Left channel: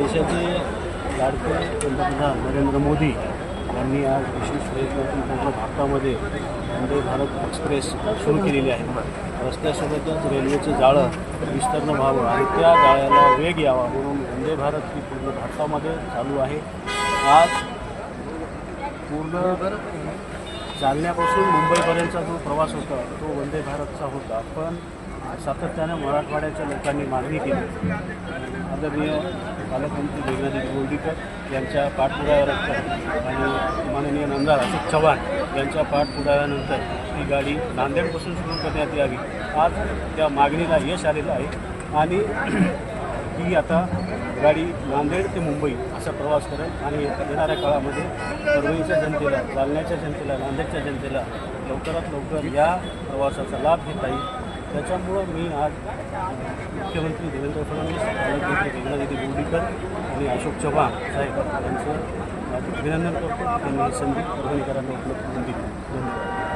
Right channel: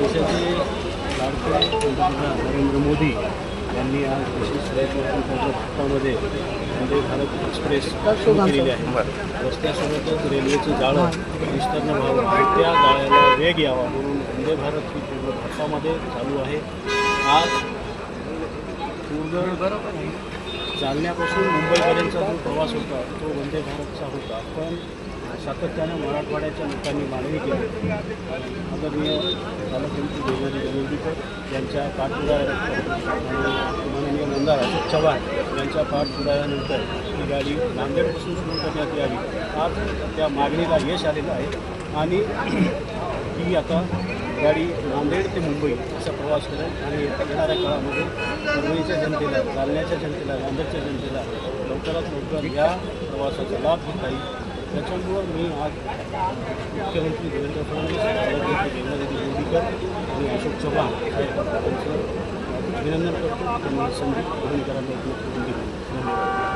देशाचे लाडके पंतप्रधान नरेंद्र मोदी यांनी आज विशेष प्रयत्नातून त्यांच्या भारतामध्ये वंदे भारत एक्सप्रेस सुरू केलेली आहे. रस्त्यासोबतच रेल्वेचं जाळं विस्तारणं व्हावं आणि त्या जाळ्याला वेग यावा म्हणून वंदे भारत ही पूर्ण भारतामध्ये चालू आहे. आज पूर्ण चालण्यापासून मुंबईपर्यंतचा जो प्रवास होता तो वंदे भारतचा होता. पण सातत्यानं मराठवाड्याच्या लोकांनी मागणी केली. आदरणीय पालकमंत्री देवेंद्र गोंदीकर यांच्या पाठपुराव्यानंतर आणि माननीय आमदार अशोक चव्हाण यांच्या पाठपुराव्यानंतर ही गाडी नांदेडपासून सुरू करण्यात यावी. आज त्या मागणीला यश आलेलं आहे आणि ही आता गाडी नांदेड ते मुंबई असा प्रवास करेल आणि येणाऱ्या काळामध्ये परभणीच्या जनतेला जालन्याच्या जनतेला नांदेडच्या जनतेला लवकरात लवकर या प्रवासाचा लाभ घेता येईल. त्याच्यामुळं मी आज मुख्यमंत्री देवेंद्र फडणवीस पालकमंत्री गंगादेवी बोर्डीकर आणि अशोक चव्हाण साहेब यांचं अभिनंदन करतो. त्यांनी ही संधी परभणीकरांना उपलब्ध करून दिली. धन्यवाद.